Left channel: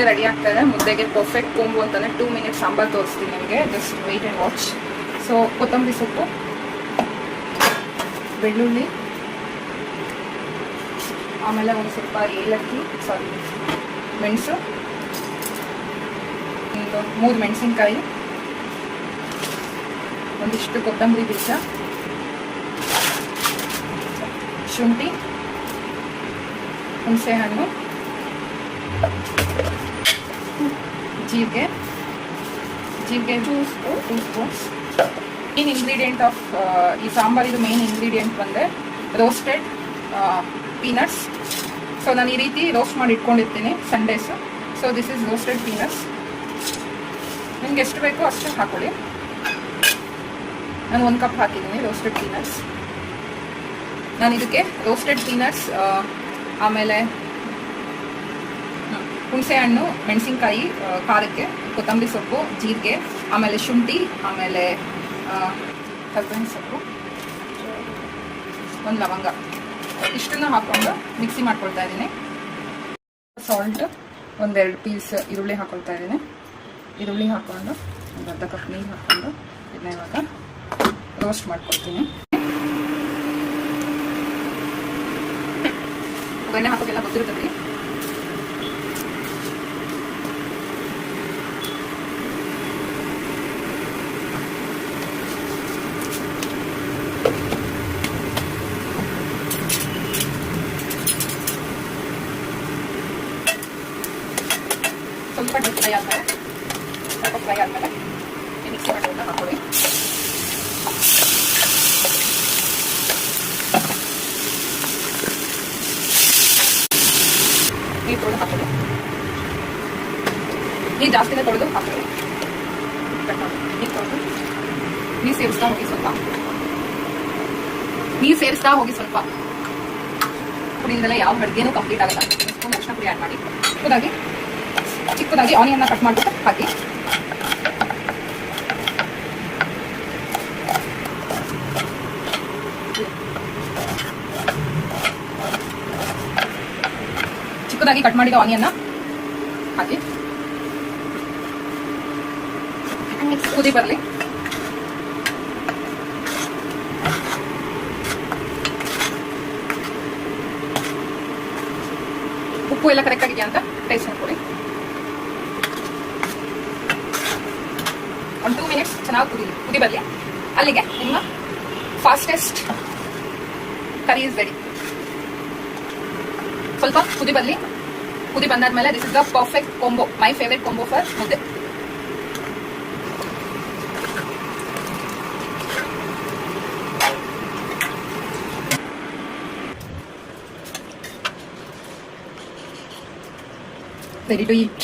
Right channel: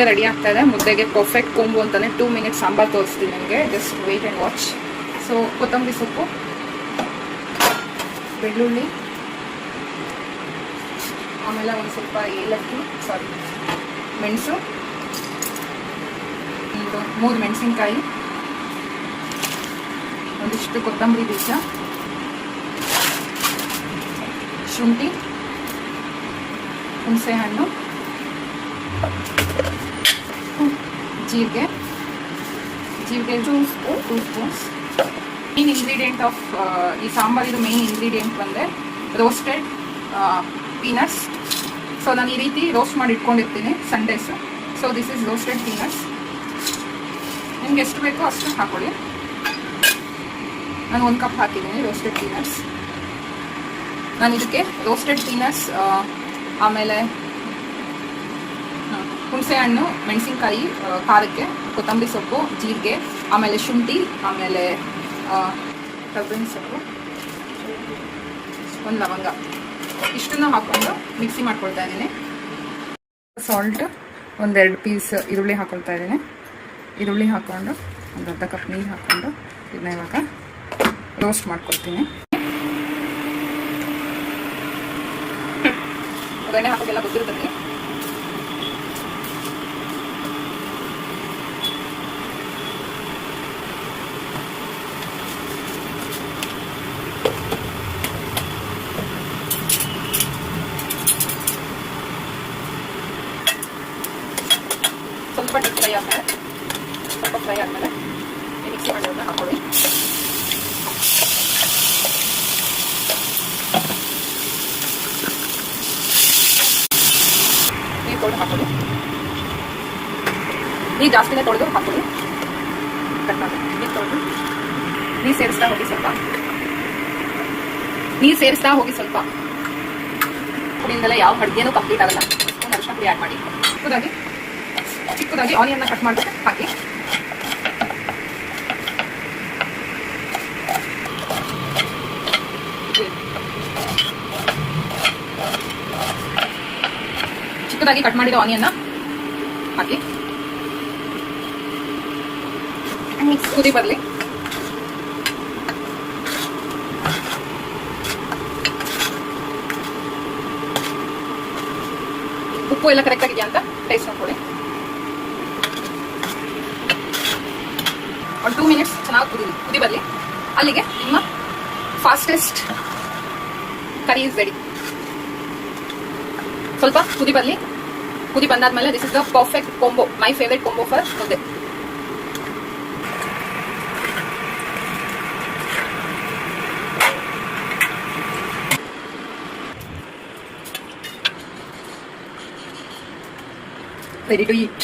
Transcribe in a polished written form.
ಮುದ್ದೆ ರೆಡಿ ಆಗ್ತಾ ಇದೆ. ಮುದ್ದೆಗೆ ಪರ್ಫೆಕ್ಟ್ ಕೊಂಬು ಅಂತಾನೆ 2 ಮಿನಿಟ್ಸ್ ಸಾಂಬಾರು ತೋರಿಸ್ತೀನಿ ನಿಮಗೆ. Just wait and watch. So ಕೊತ್ತಂಬರಿ ಸೊಪ್ಪು, ಬೆಳ್ಳುಳ್ಳಿ, ಆಮೇಲೆ ಒಂದು ಸ್ವಲ್ಪ ಏಲಕ್ಕಿ, ಮೆಣಸು, 3 ಮೆಣಸಿನ್ಕಾಯಿ, ಒಂದಿಷ್ಟು ಕೊತ್ತಂಬರಿ ಬೀಜ, ಶುಂಠಿ, ಹುಣಸೆ ಹಣ್ಣು, ಜೀರಿಗೆ 2 ಸ್ಪೂನ್ಸ್. ಮೇನ್ ಇಂಗ್ರೀಡಿಯೆಂಟ್ ಆಫ್ ಈ ಸಾಂಬಾರಿದು ಮೇನ್ ಇಂಗ್ರೀಡಿಯೆಂಟ್ ಬಂದರೆ ರೋಸ್ಟೆಡ್ ಪೀನಟ್ಸ್. ಸೊ ನಾನು ಈ ರೀತಿ ರೋಸ್ಟ್ ಮಾಡಿ ಇಟ್ಕೊಂಡಿರ್ತೀನಿ Sundays. So this is roasted peanuts. ನಿಮ್ಗೆ ಎಷ್ಟು ಬೇಕೋ ಅಷ್ಟು ಹಾಕೊಳ್ಳಿ. ನಾನು 1 ಕಪ್ ಹಾಕಿದ್ದೀನಿ ರೋಸ್ಟೆಡ್ ಪೀನಟ್ಸ್. ನಾನು ಇದಕ್ಕೆ ರೋಸ್ಟೆಡ್ ಪೀನಟ್ಸ್, ಆಮೇಲೆ ಹುಣಸೆ ಹಣ್ಣು, ಮೆಣಸಿನ್ಕಾಯಿ ಖಾರಕ್ಕೆ, ಕೊತ್ತಂಬರಿ ಸೊಪ್ಪು, ಜೀರಿಗೆ, ಆಮೇಲೆ ಶುಂಠಿ, ಆಮೇಲೆ ಕರ್ಬೇವಿನ ಸೊಪ್ಪು, 1 ಲವಂಗ, ಇಷ್ಟನ್ನು ಹಾಕ್ಕೊಂಡು ಮಿಕ್ಸಿ ಮಾಡ್ಕೊಳ್ತಾ ಇದ್ದೀನಿ. ಸಾಲ್ಟ್, 1-2 ಪೀಸ್ ಈರುಳ್ಳಿ ಹಾಕ್ಕೊಳ್ತಾ ಇದ್ದೀನಿ. ಈರುಳ್ಳಿ ಹಾಕ್ಕೊಂಡು ಒಂದು ಅರ್ಧ ಕಪ್ ನೀರು ಹಾಕ್ಕೊಂಡು ಇದನ್ನ ಇವಾಗ ರೋಸ್ಟ್ ಮಾಡ್ಕೊಳ್ತೀನಿ. ಒಗ್ಗರಣೆ ಹಾಕೋಕ್ಕೆಲ್ಲ ಗೊತ್ತಿರ್ತದೆ. ಸ್ವಲ್ಪ ಫ್ರೈ ಆದಮೇಲೆ ಮಿಕ್ಸ್ ಮಾಡಿ ಹಾಕೊಳ್ಳಿ. ನೀರು ತೊಳೆದು ಹಾಕೊಳ್ಳಿ. ನೀರು ಜಾಸ್ತಿನೇ ತೊಳೆದು ಹಾಕೊಳ್ಳಿ. ಕಟ್ ಮಾಡಿ ನೀರು ತೊಳೆದು ನೀರು ಸೇರಿಸ್ತಾ ಹೋಗಿ ಸ್ವಲ್ಪ. ಪುಡಿಯಿಂದಲೇ ಯಾವ ಅಡುಗೆನೂ ಕಂಪ್ಲೀಟ್ ಆಗಲ್ಲ. ಒಂದು ಅರಿಶಿನ ಪುಡಿ ಆ್ಯಡ್ ಮಾಡಿ. ಚಿಕ್ಕದಾಗಿ ಆನಿಯನ್ನ ಕಟ್ ಮಾಡಿಬಿಟ್ಟು ಹಾಕಿ. ಚಿಕ್ಕದಾಗಿ ಕಟ್ ಮಾಡಿದ ಆನಿಯನ್ನ ಹಾಕಿ ಕುದಿ ಬರಲಿ. ಉಪ್ಪು ಎಲ್ಲ ಕರೆಕ್ಟ್ ಆಗಿದೆಯಾ ಅಂತ ಟೇಸ್ಟ್ ನೋಡ್ಕೊಳ್ಳಿ. ಒಂದು 2 ಮಿನಿಟ್ಸ್ ಚೆನ್ನಾಗಿ ಕುದಿ ಬರಲಿ. ಅಲ್ಲಿಗೆ ನಿಮ್ಮ ಫಾಸ್ಟೆಸ್ಟ್ ಕರಿ ಇಸ್ ರೆಡಿ. ಸ್ವಲ್ಪ ಕುದಿ ಬರಲಿ. ಕುದಿ ಬಂದಾದ್ಮೇಲೆ this is the perfect combo, my favourite combo for mudde. Ready to eat.